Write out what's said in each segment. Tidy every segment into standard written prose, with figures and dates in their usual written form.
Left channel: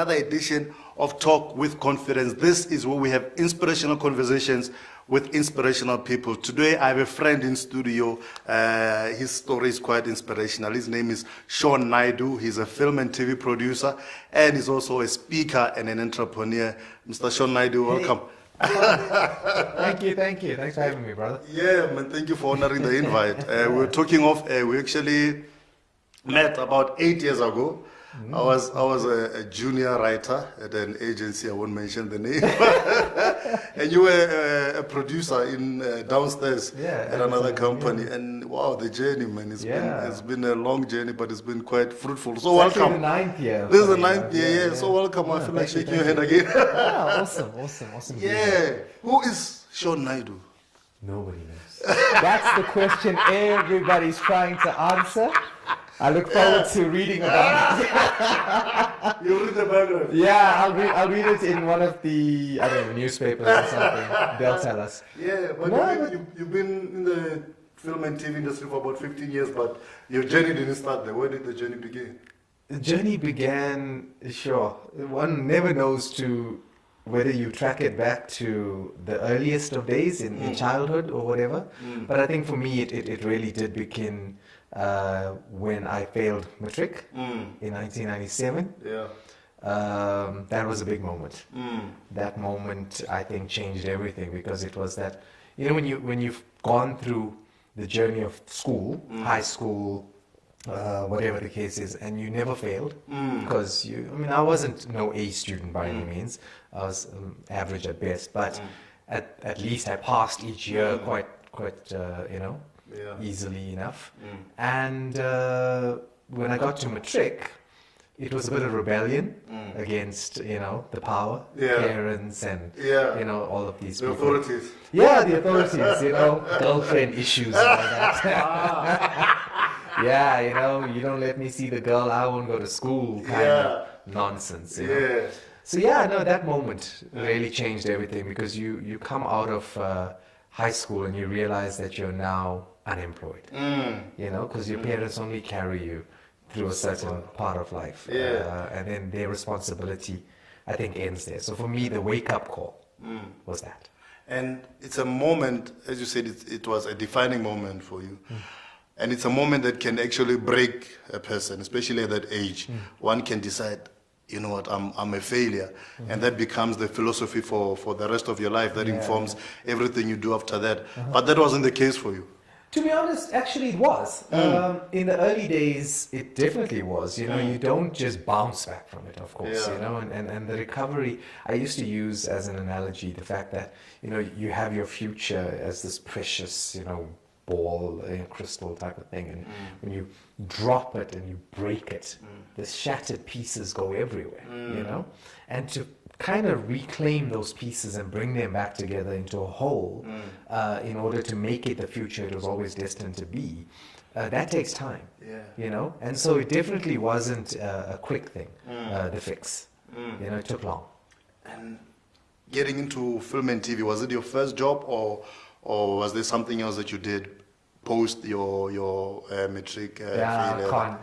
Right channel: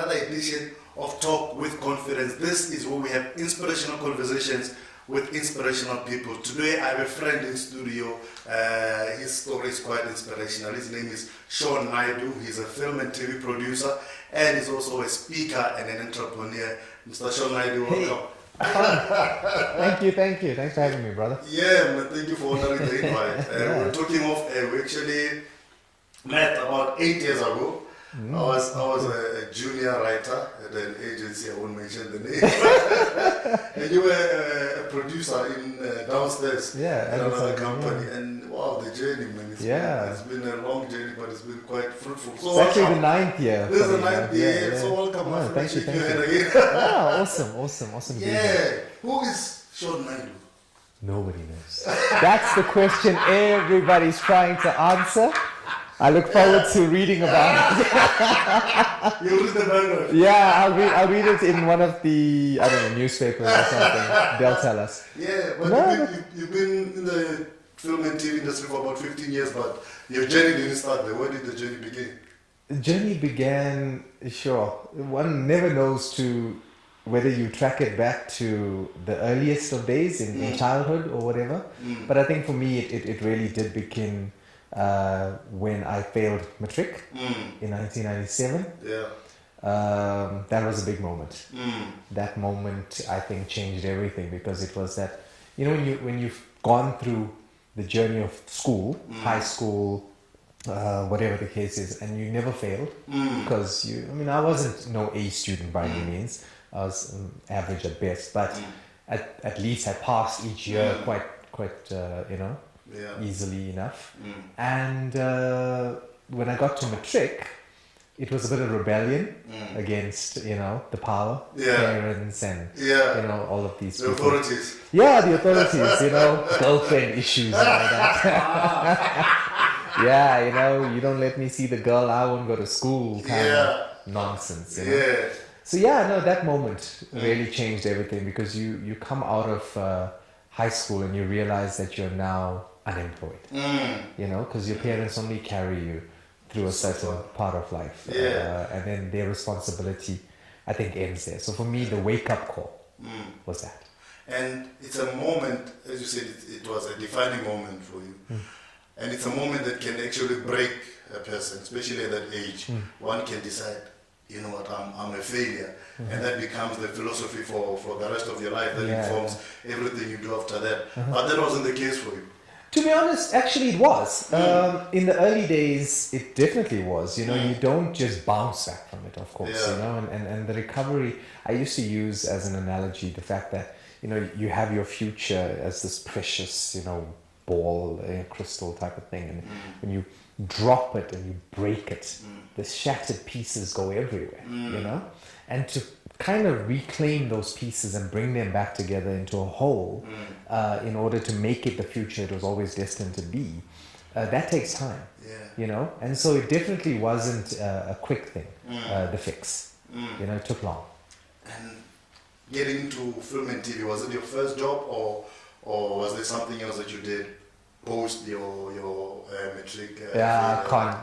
another edition of Talk with Confidence. This is where we have inspirational conversations with inspirational people. Today I have a friend in studio. His story is quite inspirational. His name is Shaun Naidoo. He's a film and TV producer, and he's also a speaker and an entrepreneur. Mr. Shaun Naidoo, welcome. Thank you. Thanks for having me, brother. Yeah, man, thank you for honoring the invite. We're talking of, we actually met about 8 years ago. I was a junior writer at an agency, I won't mention the name. And you were a producer in downstairs at another company. Yeah. And wow, the journey, man. It's been a long journey, but it's been quite fruitful. So it's actually the 9th year. This is the 9th year. So welcome. I feel like shaking your head again. Awesome. Yeah. Who is Shaun Naidoo? Nobody knows. That's the question everybody's trying to answer. I look forward to reading about it. You read the background? Yeah, I'll read it in one of the, I don't know, newspapers or something. They'll tell us. Yeah, but you've been in the film and TV industry for about 15 years, but your journey didn't start there. Where did the journey begin? The journey began, one never knows whether you track it back to the earliest of days in childhood or whatever. But I think for me, it really did begin when I failed matric in 1997. That was a big moment. That moment, I think, changed everything, because it was that, when you've gone through the journey of school, high school, whatever the case is, and you never failed, because I wasn't no A student by any means. I was average at best, but at least I passed each year quite easily enough. And when I got to matric, it was a bit of rebellion against the power, parents, and all of these people. Authorities. Yeah, the authorities. Girlfriend issues and all that. You don't let me see the girl, I won't go to school kind of nonsense. So that moment really changed everything, because you come out of high school and you realize that you're now unemployed, because your parents only carry you through a certain part of life, and then their responsibility, I think, ends there. So for me, the wake-up call was that. And it's a moment, as you said, it was a defining moment for you. And it's a moment that can actually break a person, especially at that age. One can decide, you know what, I'm a failure. And that becomes the philosophy for the rest of your life. That informs everything you do after that. But that wasn't the case for you. To be honest, actually it was. In the early days, it definitely was. You don't just bounce back from it, of course, and the recovery, I used to use as an analogy the fact that, you have your future as this precious, ball, crystal type of thing. And when you drop it and you break it, the shattered pieces go everywhere, and to kind of reclaim those pieces and bring them back together into a whole, in order to make it the future it was always destined to be, that takes time, and so it definitely wasn't a quick thing, the fix, it took long. And getting into film and TV, was it your first job, or was there something else that you did post your matric?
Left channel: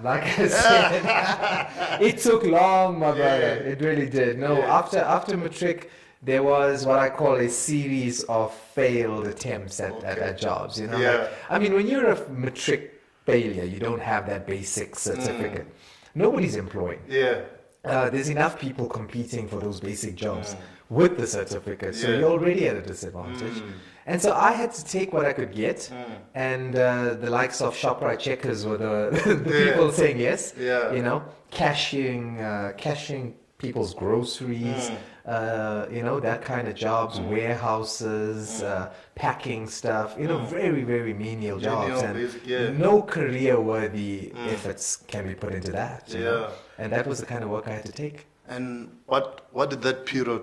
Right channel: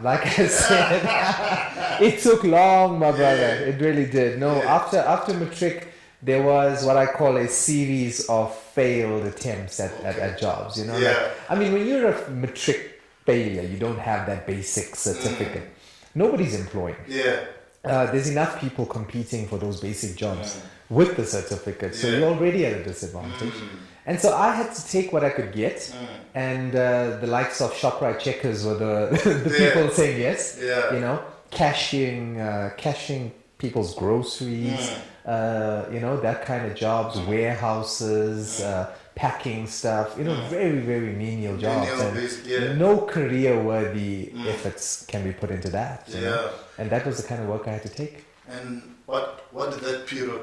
Like I said, it took long, my brother. It really did. After matric, there was what I call a series of failed attempts at jobs. When you're a matric failure, you don't have that basic certificate. Nobody's employing. There's enough people competing for those basic jobs with the certificate, so you're already at a disadvantage. And so I had to take what I could get, and the likes of ShopRite Checkers were the people saying yes, cashing people's groceries, that kind of jobs, warehouses, packing stuff, very, very menial jobs, and no career-worthy efforts can be put into that, and that was the kind of work I had to take. And what did that period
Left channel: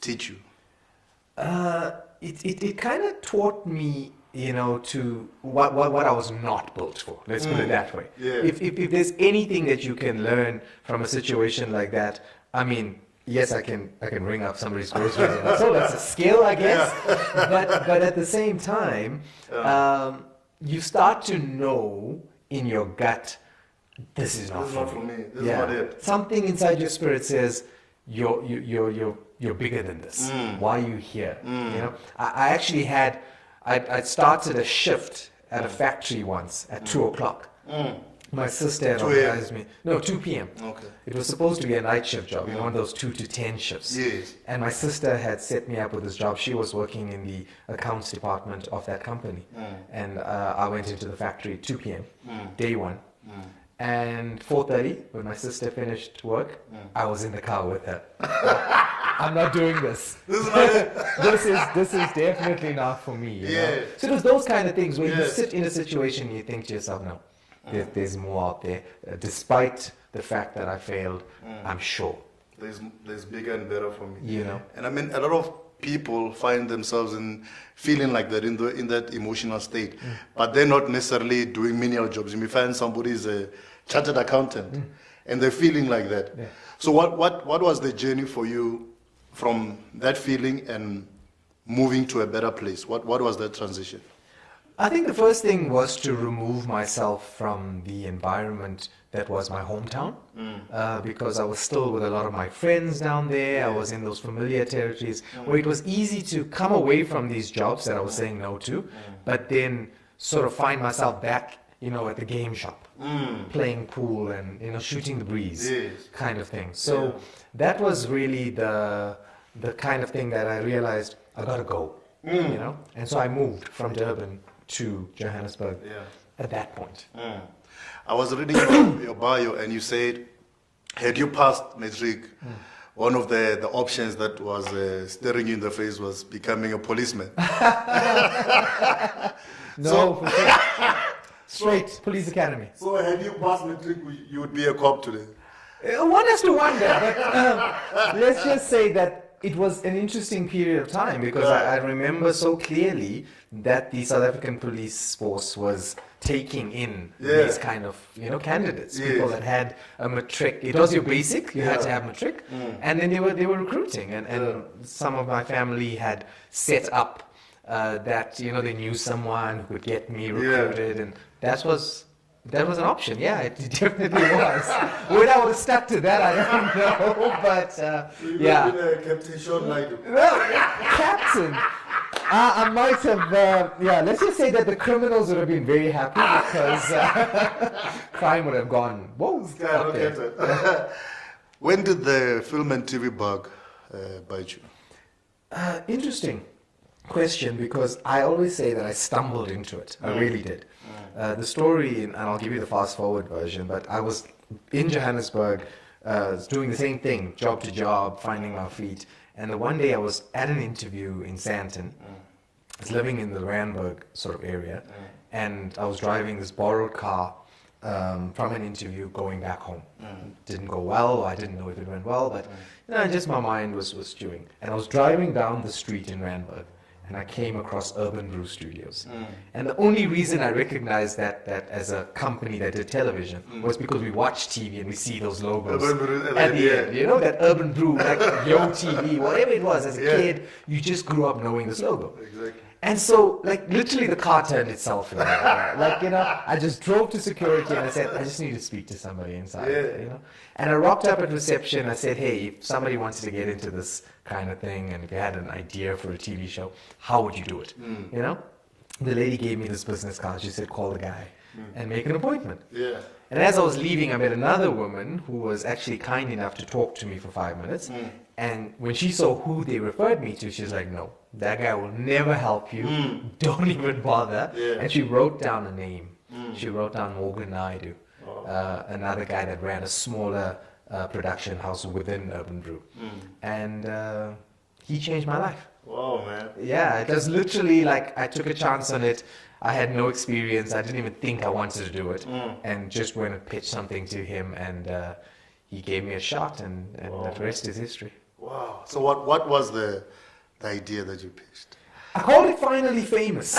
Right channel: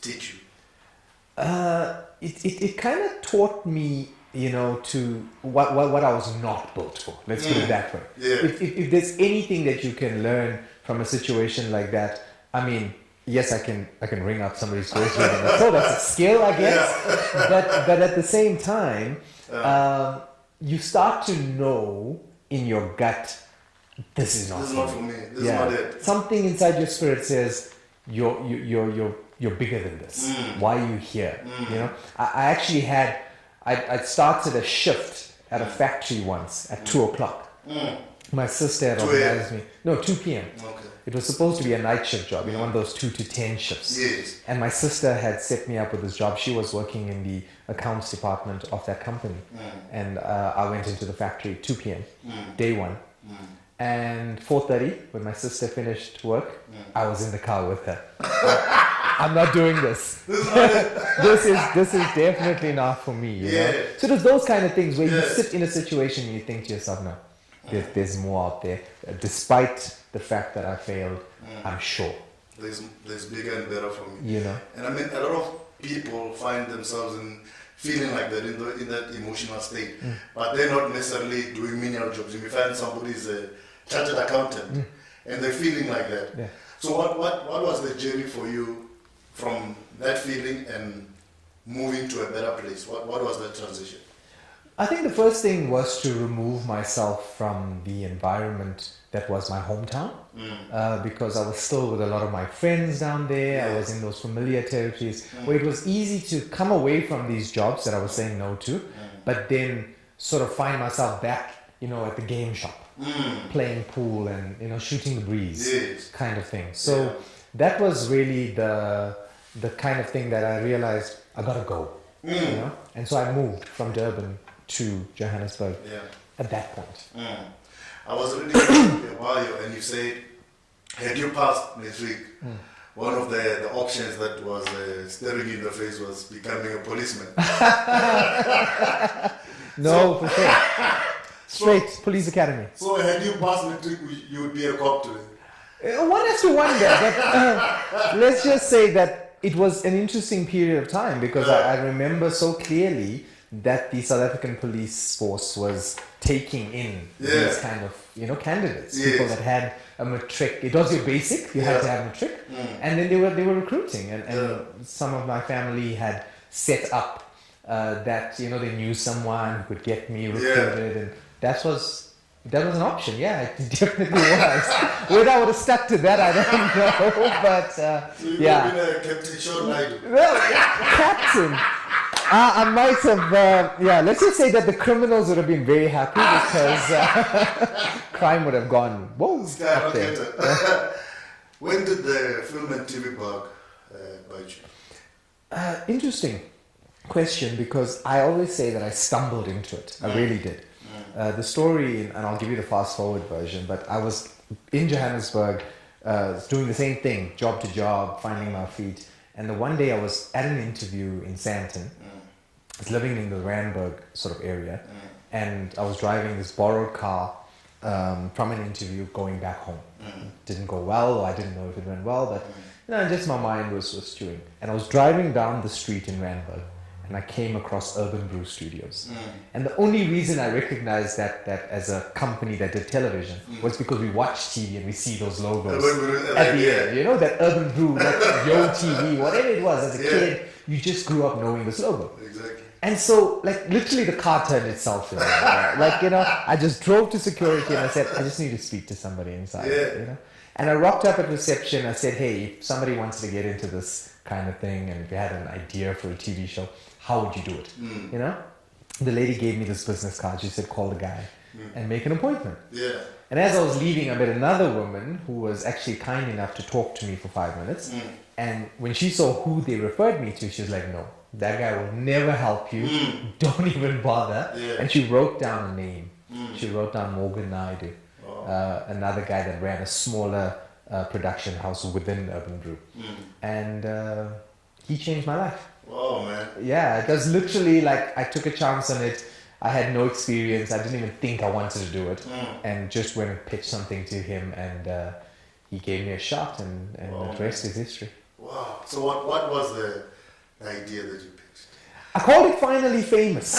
teach you? It kind of taught me, to what I was not built for. Let's put it that way. If there's anything that you can learn from a situation like that, yes, I can ring up somebody's groceries, so that's a skill, I guess. But at the same time, you start to know in your gut, this is not for me. This is not it. Something inside your spirit says, you're bigger than this. Why are you here? You know, I actually I'd started a shift at a factory once at 2:00. My sister had 2 organized me. No, 2 p.m. Okay. It was supposed to be a night shift job, one of those 2 to 10 shifts. Yes. And my sister had set me up with this job. She was working in the accounts department of that company. And I went into the factory at 2 p.m., day one. And 4:30, when my sister finished work, I was in the car with her. I'm not doing this. This is definitely not for me, you know? So there's those kind of things where you sit in a situation and you think to yourself, no, there's more out there. Despite the fact that I failed, I'm sure. There's bigger and better for me. You know? And I mean, a lot of people find themselves in feeling like that, in that emotional state. But they're not necessarily doing menial jobs. You may find somebody's a chartered accountant and they're feeling like that. Yeah. So what was the journey for you from that feeling and moving to a better place? What was that transition? I think the first thing was to remove myself from the environment that was my hometown, because I was still with a lot of my friends down there. I was in those familiar territories where it was easy to come away from these jobs that I was saying no to, but then sort of find myself back, at the game shop, playing pool and, shooting the breeze, kind of thing. So that was really the kind of thing that I realized I gotta go, and so I moved from Durban to Johannesburg at that point. I was reading your bio and you said, had you passed matric, one of the options that was staring you in the face was becoming a policeman. No, for sure. Straight police academy. So had you passed matric, you would be a cop today? One has to wonder, but let's just say that it was an interesting period of time because I remember so clearly that the South African police force was taking in these kind of candidates, people that had a matric. It was your basic, you had to have matric, and then they were recruiting, and some of my family had set up that they knew someone who could get me recruited, and that was an option. Yeah, it definitely was. Whether I would have stuck to that, I don't know, but so you would have been a Captain Shaun Naidoo. Well, Captain. I might have, let's just say that the criminals would have been very happy because crime would have gone, whoa, up there. When did the film and TV bug bite you? Interesting question, because I always say that I stumbled into it. I really did. The story, and I'll give you the fast forward version, but I was in Johannesburg doing the same thing, job to job, finding my feet. And the one day I was at an interview in Sandton. I was living in the Randburg sort of area, and I was driving this borrowed car from an interview going back home. Didn't go well, I didn't know if it went well, but just my mind was stewing. And I was driving down the street in Randburg, and I came across Urban Brew Studios. And the only reason I recognized that as a company that did television was because we watch TV and we see those logos at the end. That Urban Brew, like Yo TV, whatever it was. As a kid, you just grew up knowing this logo. Exactly. And so, literally the car turned itself in. I just drove to security and I said, I just need to speak to somebody inside, And I rocked up at reception. I said, hey, if somebody wants to get into this kind of thing and if you had an idea for a TV show, how would you do it? The lady gave me this business card. She said, call the guy and make an appointment. And as I was leaving, I met another woman who was actually kind enough to talk to me for 5 minutes. And when she saw who they referred me to, she was like, no, that guy will never help you. Don't even bother. And she wrote down a name. She wrote down Morgan Naidoo, another guy that ran a smaller production house within Urban Brew. And he changed my life. Wow, man. Yeah, it was literally I took a chance on it. I had no experience. I didn't even think I wanted to do it. And just went and pitched something to him, and he gave me a shot, and the rest is history. Wow. So what was the idea that you pitched? I called it Finally Famous.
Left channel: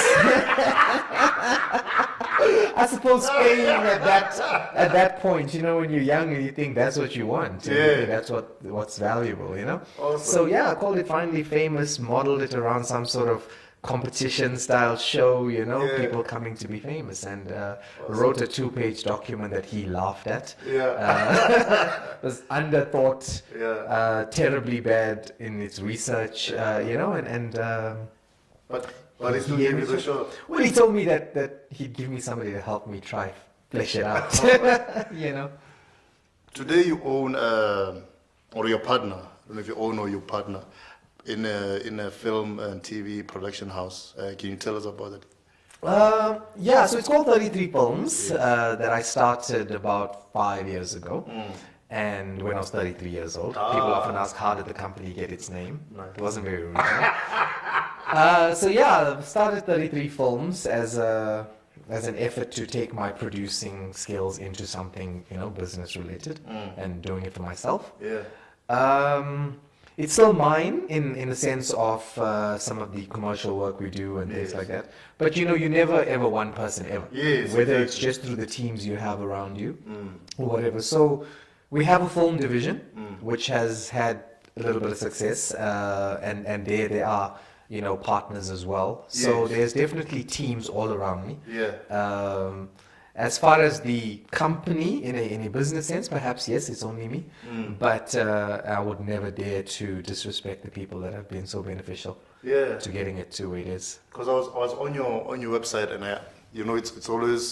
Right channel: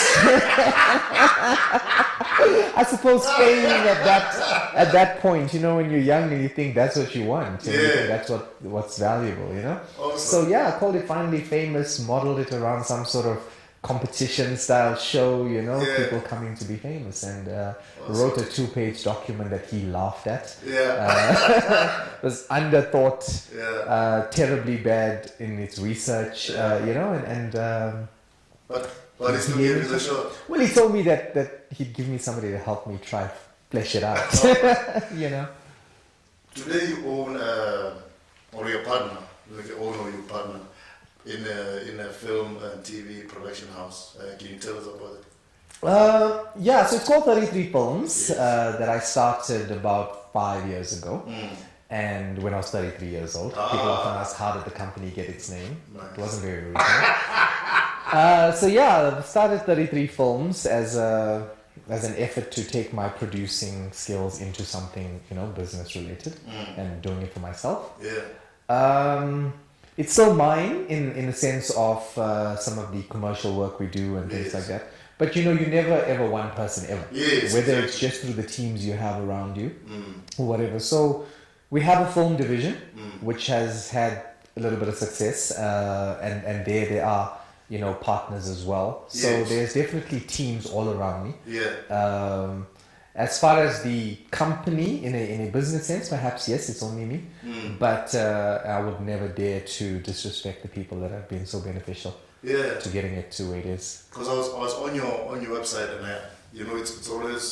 I suppose fame at that point, when you're young and you think that's what you want, and you think that's what's valuable, Awesome. So I called it Finally Famous, modeled it around some sort of competition style show, Yeah. people coming to be famous, and wrote a 2-page document that he laughed at. Yeah. Was underthought, Yeah. terribly bad in its research, But he still gave you the shot. well, he told me that he'd give me somebody to help me try flesh it out. Today you own, or your partner, like you own or your partner, in a film and TV production house. Can you tell us about it? So it's called 33 Films, that I started about 5 years ago. And when I was 33 years old, people often ask, how did the company get its name? Nice. It wasn't very original. I started 33 Films as an effort to take my producing skills into something, business related, and doing it for myself. Yeah. It's still mine in the sense of some of the commercial work we do and things like that. But you're never ever one person ever. Yes, Whether exactly. it's just through the teams you have around you or whatever. So we have a film division which has had a little bit of success, and there they are, partners as well. So Yes. there's definitely teams all around me. Yeah. As far as the company in a business sense, perhaps yes, it's only me. But I would never dare to disrespect the people that have been so beneficial Yeah. to getting it to where it is. Because I was on your website, and it's always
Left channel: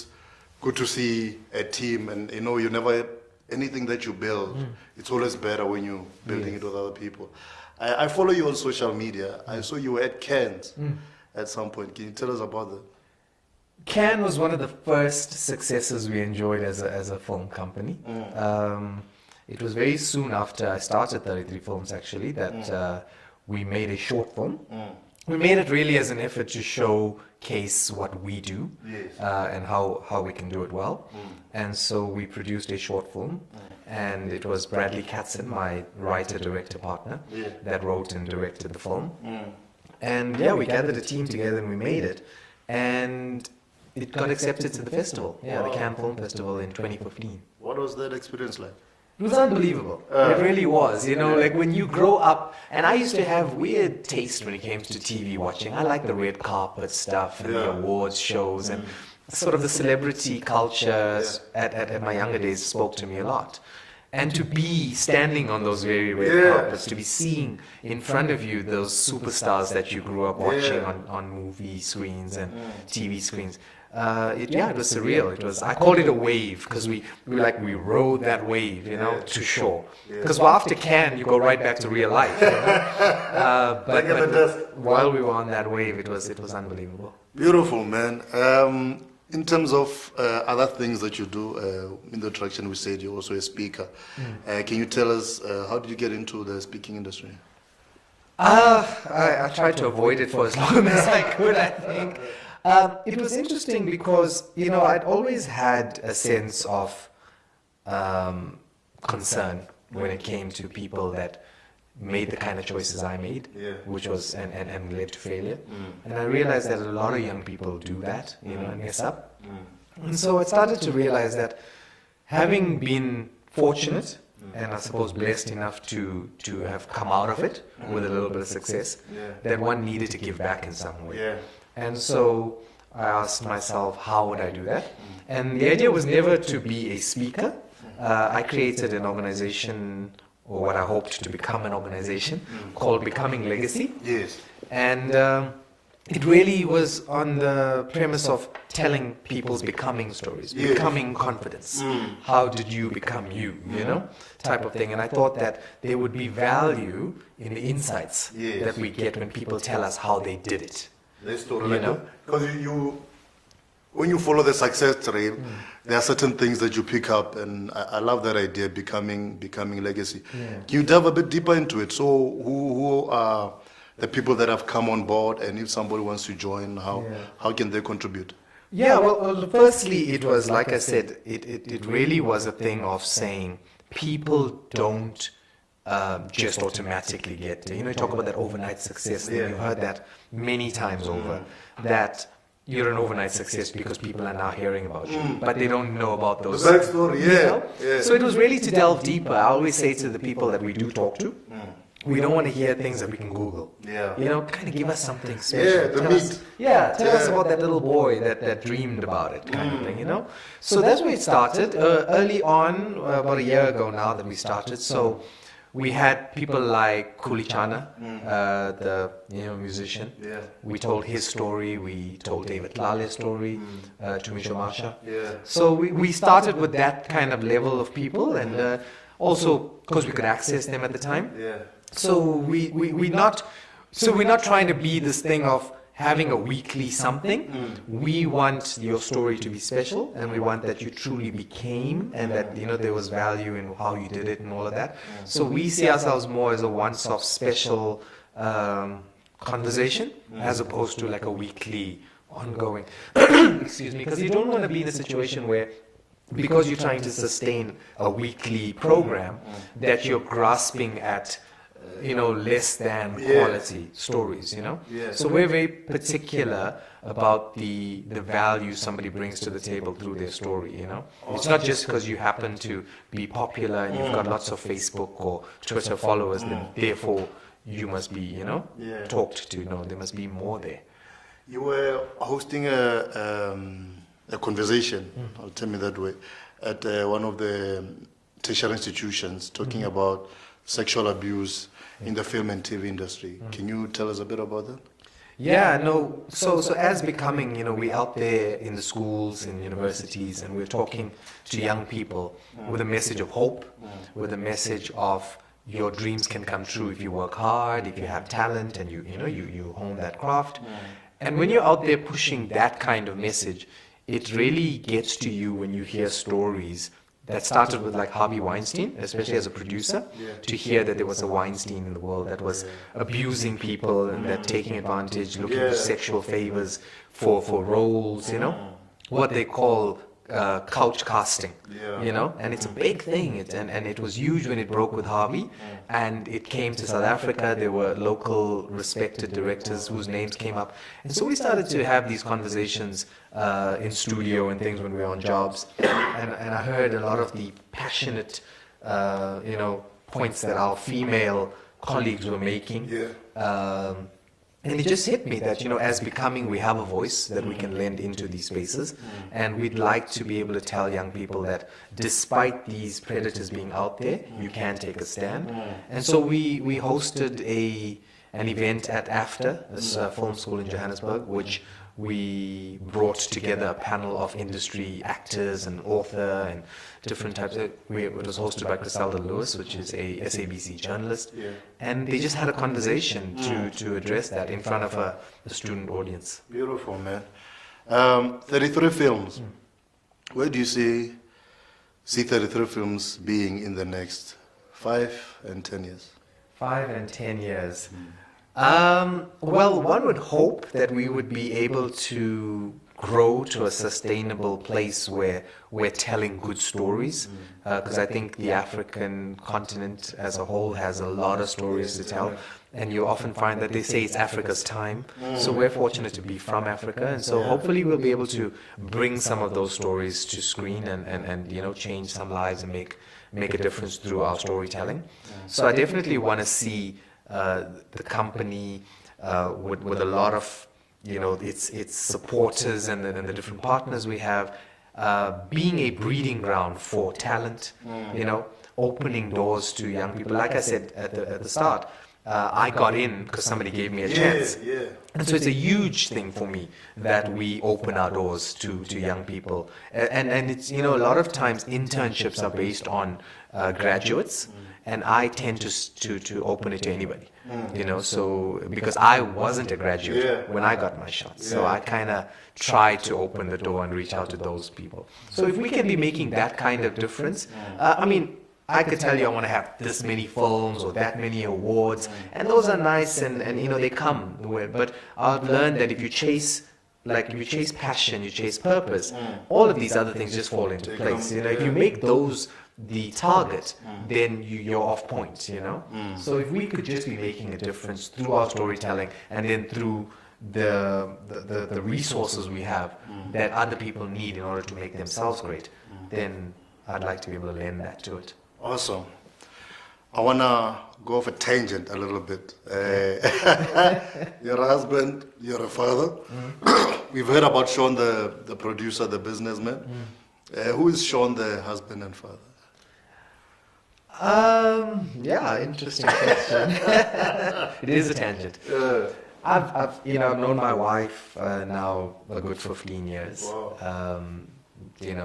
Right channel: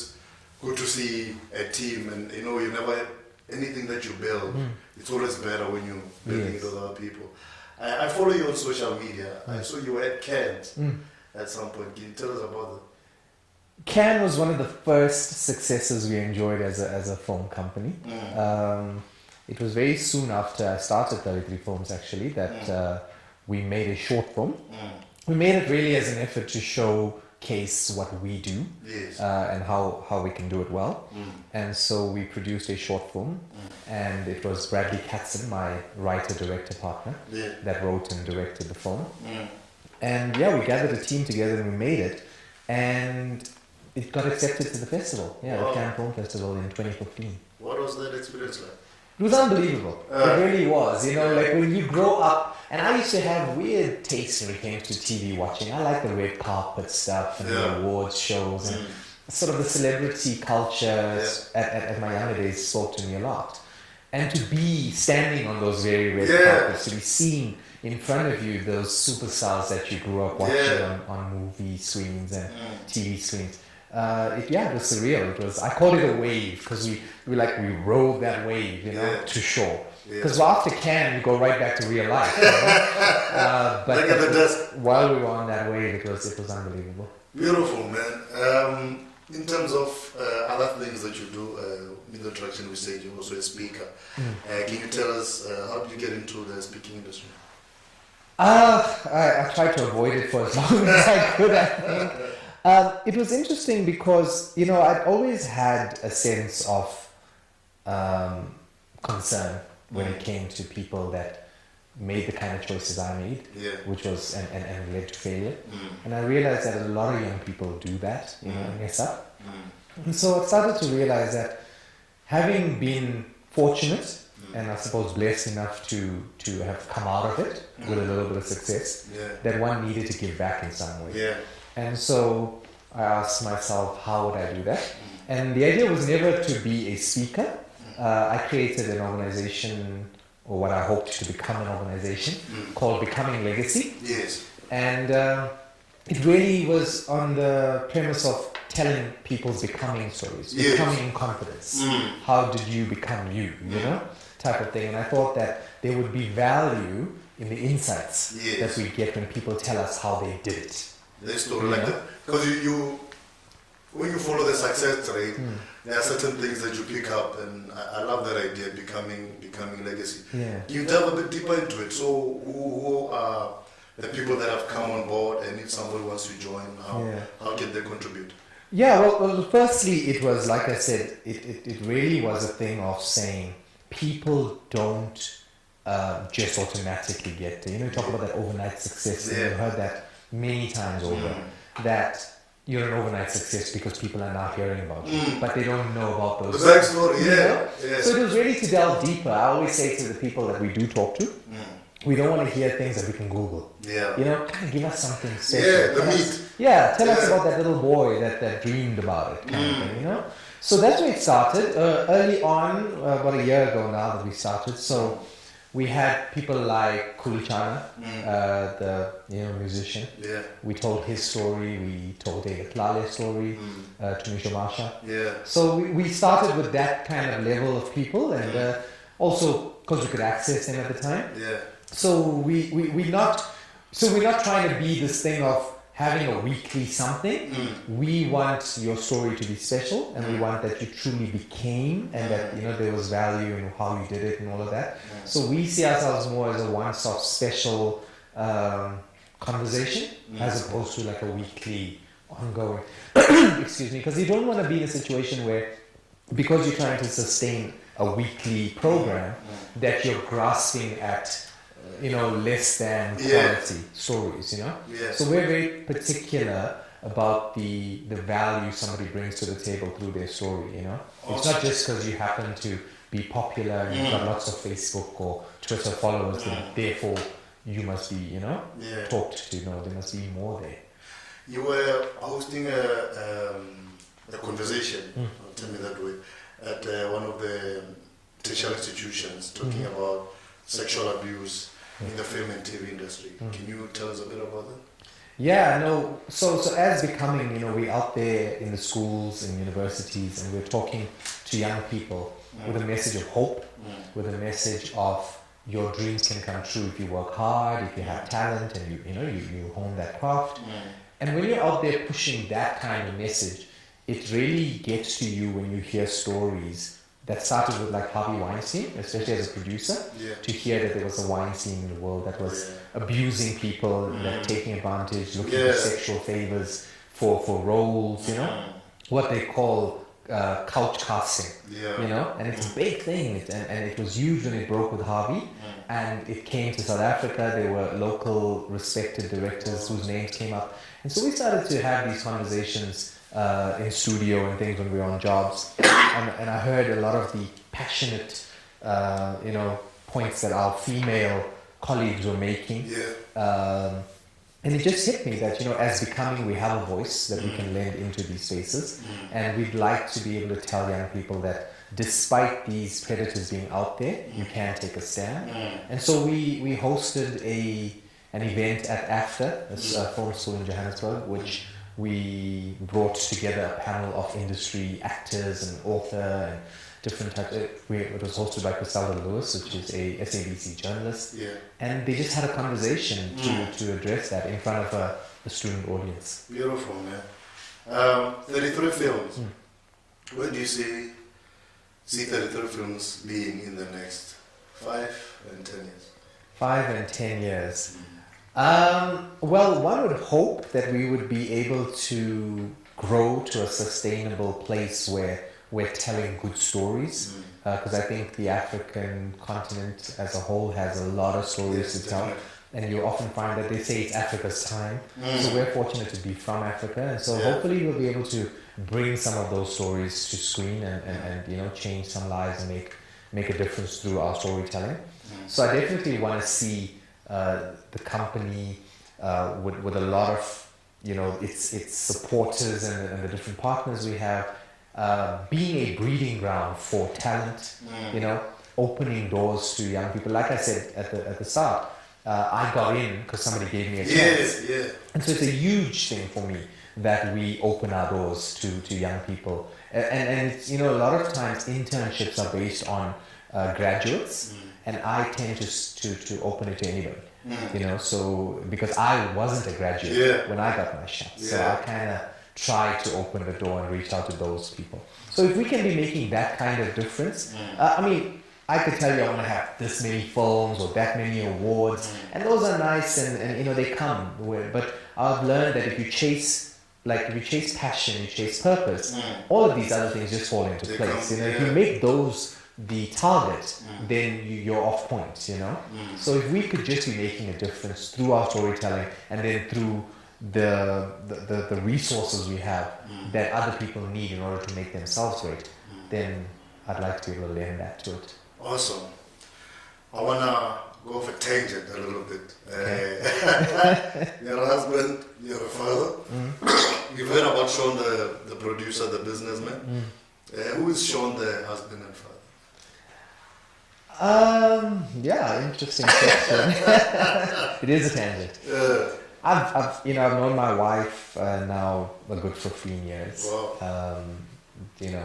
good to see a team, and you never, anything that you build, it's always better when you building it with other people. I follow you on social media. I saw you were at Cannes at some point. Can you tell us about that? Cannes was one of the first successes we enjoyed as a film company. It was very soon after I started 33 Films, actually, that we made a short film. We made it really as an effort to showcase what we do, Yes. and how we can do it well. And so we produced a short film, and it was Bradley Katzen, my writer-director partner, Yeah. that wrote and directed the film. And we gathered a team together and we made it. And it got accepted to the festival, the Cannes Film Festival in 2015. What was that experience like? It was unbelievable. It really was. Like when you grow up, and I used to have weird taste when it came to TV watching. I like the red carpet stuff and the awards shows, and sort of the celebrity culture at my younger days spoke to me a lot. And to be standing on those very red carpets, to be seeing in front of you those superstars that you grew up watching on movie screens and TV screens. It was surreal. I called it a wave because we rode that wave, to shore. Because after Cannes, you go right back to real life. But while we were on that wave, it was unbelievable. Beautiful, man. In terms of other things that you do in the direction, we said you're also a speaker. Can you tell us how did you get into the speaking industry? I tried to avoid it for as long as I could, I think. It was interesting because, I'd always had a sense of concern when it came to people that made the kind of choices I made, which was and led to failure. And I realized that a lot of young people do that, and mess up. And so I started to realize that having been fortunate and I suppose blessed enough to have come out of it with a little bit of success, that one needed to give back in some way. And so I asked myself, how would I do that? And the idea was never to be a speaker. I created an organization, or what I hoped to become an organization, called Becoming Legacy. Yes. And it really was on the premise of telling people's becoming stories, becoming confidence. How did you become you, type of thing. And I thought that there would be value in the insights that we get when people tell us how they did it. There's no because you when you follow the success trail, there are certain things that you pick up, and I love that idea, becoming legacy. Can you delve a bit deeper into it? So who are the people that have come on board, and if somebody wants to join, how can they contribute? Well, firstly, it was, like I said, it really was a thing of saying people don't just automatically get there. You talk about that overnight success, and you've heard that many times over, that you're an overnight success because people are now hearing about you, but they don't know about those. Backstory, So it was really to delve deeper. I always say to the people that we do talk to, we don't want to hear things that we can Google. Yeah. You know, kind of give us something special. Yeah, the meat. Tell us about that little boy that dreamed about it, kind of thing, you know? So that's where it started. Early on, about a year ago now that we started. So we had people like Kulichana, the musician. Yeah. We told his story. We told David Lale's story, Tumisho Masha. Yeah. So we started with that kind of level of people, and also because we could access them at the time. Yeah. So we're not trying to be this thing of having a weekly something. We want your story to be special, and we want that you truly became, and that there was value in how you did it and all of that. So we see ourselves more as a one-stop special conversation, as opposed to like a weekly ongoing. Excuse me, because you don't want to be in a situation where, because you're trying to sustain a weekly program, that you're grasping at less than quality stories, Yeah. So we're very particular about the value somebody brings to the table through their story, It's not just because you happen to be popular and you've got lots of Facebook or Twitter followers, then therefore you must be, talked to. No, there must be more there. You were hosting a conversation, I'll tell me that way, at one of the tertiary institutions, talking about sexual abuse in the film and TV industry. Can you tell us a bit about that? Yeah, no. So as becoming, we're out there in the schools and universities, and we're talking to young people with a message of hope, with a message of your dreams can come true if you work hard, if you have talent, and you hone that craft. And when you're out there pushing that kind of message, it really gets to you when you hear stories that started with like Harvey Weinstein, especially as a producer, to hear that there was a Weinstein in the world that was abusing people and that taking advantage, looking for sexual favors for roles, what they call couch casting, and it's a big thing, and it was huge when it broke with Harvey, and it came to South Africa. There were local respected directors whose names came up, and so we started to have these conversations in studio and things when we were on jobs, and I heard a lot of the passionate points that our female colleagues were making, and it just hit me that as becoming, we have a voice that we can lend into these spaces, and we'd like to be able to tell young people that despite these predators being out there, you can take a stand. And so we hosted an event at AFTA, a film school in Johannesburg, which we brought together a panel of industry actors and author and different types. It was hosted by Griselda Lewis, which is a SABC journalist, and they just had a conversation to address that in front of a student audience. Beautiful, man. 33 films. Where do you see 33 films being in the next 5 and 10 years? 5 and 10 years. Well, one would hope that we would be able to grow to a sustainable place where we're telling good stories, because I think the African continent as a whole has a lot of stories to tell, and you often find that they say it's Africa's time, so we're fortunate to be from Africa, and so hopefully we'll be able to bring some of those stories to screen and change some lives and make a difference through our storytelling. So I definitely want to see the company with a lot of its supporters and the different partners we have, being a breeding ground for talent, opening doors to young people. Like I said at the start, I got in because somebody gave me a chance. And so it's a huge thing for me that we open our doors to young people. And it's, a lot of times internships are based on graduates, and I tend to open it to anybody. So because I wasn't a graduate when I got my shot, so I kind of try to open the door and reach out to those people. So if we can be making that kind of difference, I could tell you I want to have this many films or that many awards, and those are nice, and they come. But I've learned that if you chase passion, you chase purpose, all of these other things just fall into place. If you make those the target, then you're off point. So if we could just be making a difference through our storytelling, and then through the resources we have that other people need in order to make themselves great, then I'd like to be able to lend that to it. Awesome. I want to go off a tangent a little bit. Okay. You're a husband, you're a father. We've heard about Shaun, the producer, the businessman. Who is Shaun, the husband and father? Yeah, interesting question. It is a tangent. I've known my wife now a good 15 years. Wow.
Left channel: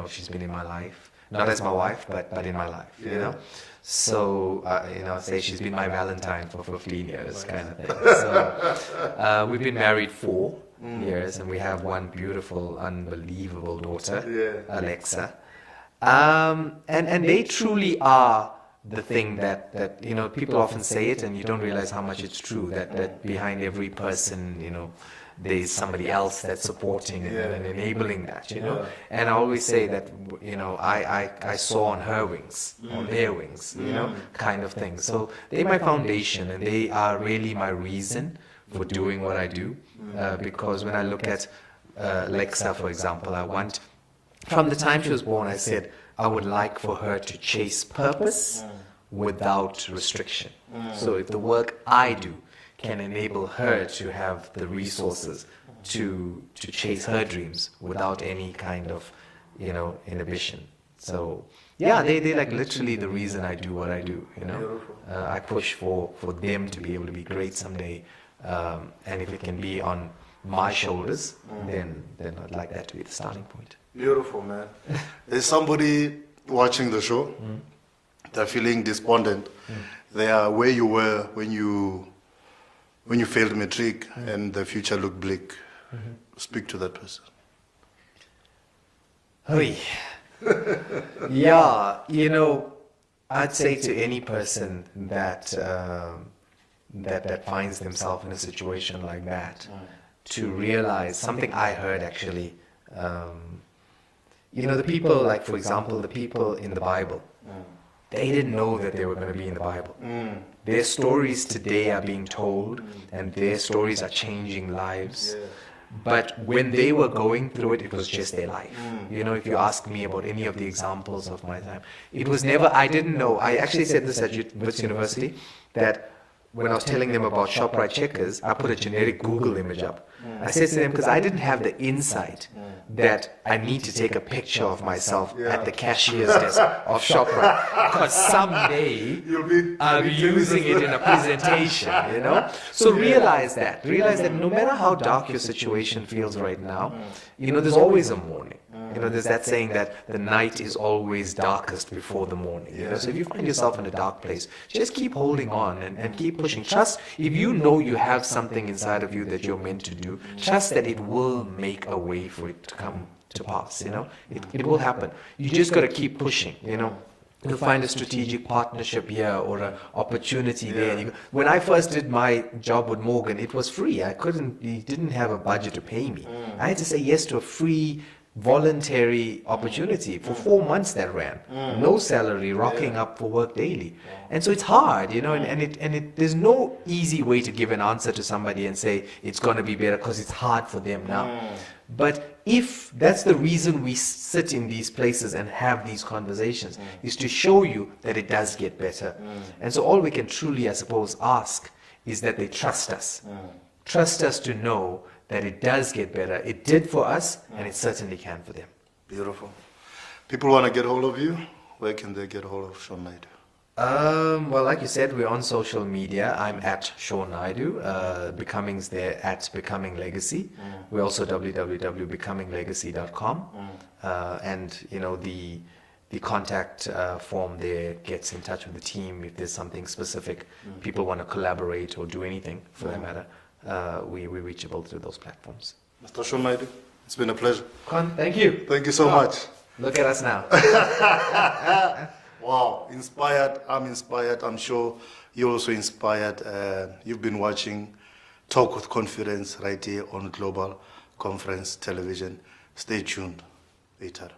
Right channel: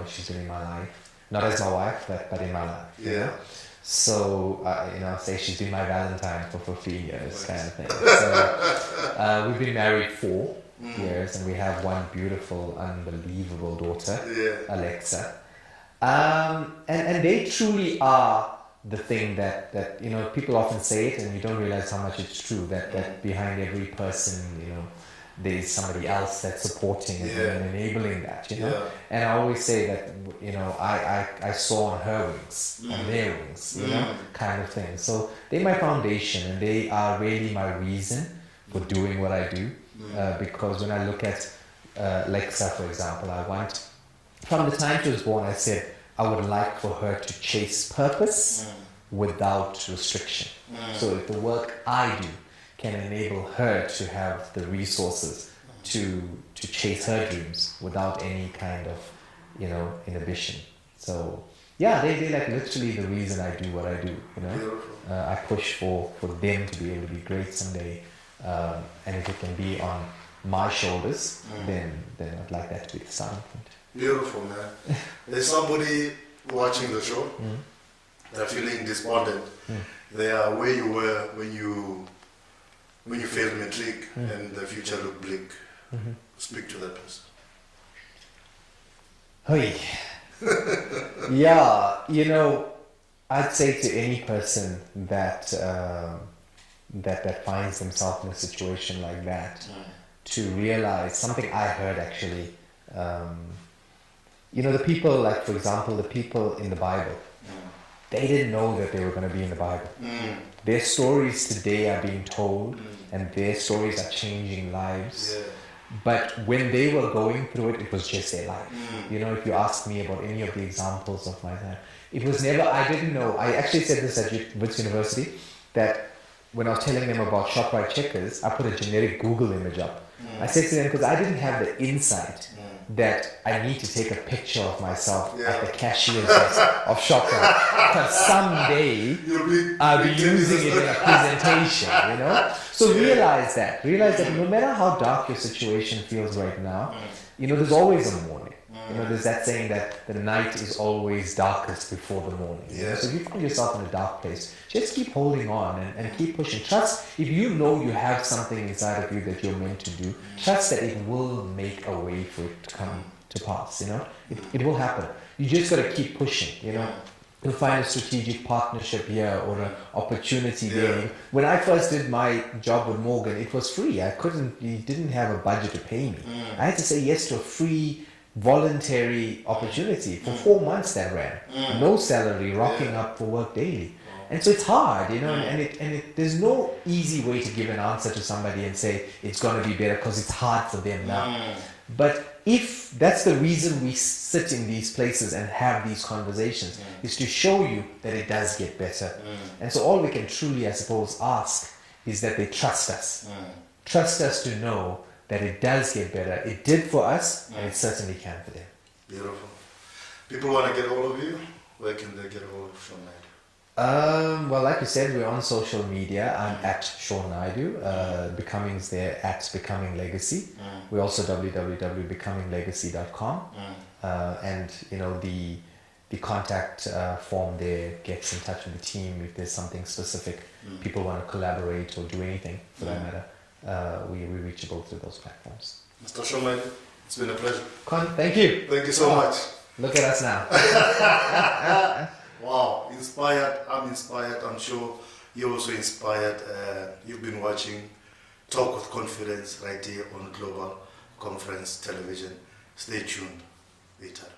She's been in my life, not as my wife, but in my life. Yeah. You know, so say she's been my Valentine for 15 years, kind of thing. So we've been married 4 years, and we have one beautiful, unbelievable daughter, Alexa. And they truly are the thing that people often say it and you don't realize how much it's true, that behind every person there's somebody else that's supporting and enabling that, and I always say that I saw on her wings, on their wings, kind of thing. So they're my foundation and they are really my reason for doing what I do, because when I look at Alexa, for example, from the time she was born, I said I would like for her to chase purpose without restriction. So if the work I do can enable her to have the resources to chase her dreams without any kind of inhibition. So they're like literally the reason I do what I do. I push for them to be able to be great someday, and if it can be on my shoulders, then I'd like that to be the starting point. Beautiful, man. There's somebody watching the show. They're feeling despondent. They are where you were when you failed matric and the future looked bleak. Speak to that person. Hey. Yeah, I'd say to any person that that finds themselves in a situation like that, to realize something I heard actually. The people, like for example, the people in the Bible, they didn't know that they were going to be in the Bible. Their stories today are being told, and their stories are changing lives. But when they were going through it, it was just their life. If you ask me about any of the examples of my time, it was never, I didn't know. I actually said this at Wits University, that when I was telling them about ShopRite checkers, I put a generic Google image up. I said to them, because I didn't have the insight that I need to take a picture of myself at the cashier's desk of ShopRite, because someday I'll be using it in a presentation, So realize that no matter how dark your situation feels right now, there's always a morning. There's that saying that the night is always darkest before the morning. So if you find yourself in a dark place, just keep holding on and keep pushing. Trust, if you know you have something inside of you that you're meant to do, trust that it will make a way for it to come to pass. It will happen. You just got to keep pushing. You'll find a strategic partnership here or an opportunity there. When I first did my job with Morgan, it was free. He didn't have a budget to pay me. I had to say yes to a free voluntary opportunity for 4 months that ran. No salary, rocking up for work daily. And so it's hard, and there's no easy way to give an answer to somebody and say it's going to be better because it's hard for them now. But if that's the reason we sit in these places and have these conversations, is to show you that it does get better. And so all we can truly, I suppose, ask is that they trust us. Trust us to know that it does get better. It did for us, and it certainly can for them. Beautiful. People want to get hold of you. Where can they get hold of Shaun Naidoo? Well, like you said, we're on social media. I'm at Shaun Naidoo. Becoming's there at Becoming Legacy. We're also www.becominglegacy.com. And the contact form there gets in touch with the team if there's something specific. People want to collaborate or do anything for that matter. We're reachable through those platforms. Mr. Shaun Naidoo, it's been a pleasure. Thank you. Thank you so much. Look at us now. Wow, inspired. I'm inspired. I'm sure you're also inspired. You've been watching Talk with Confidence right here on Global Conference Television. Stay tuned. Later.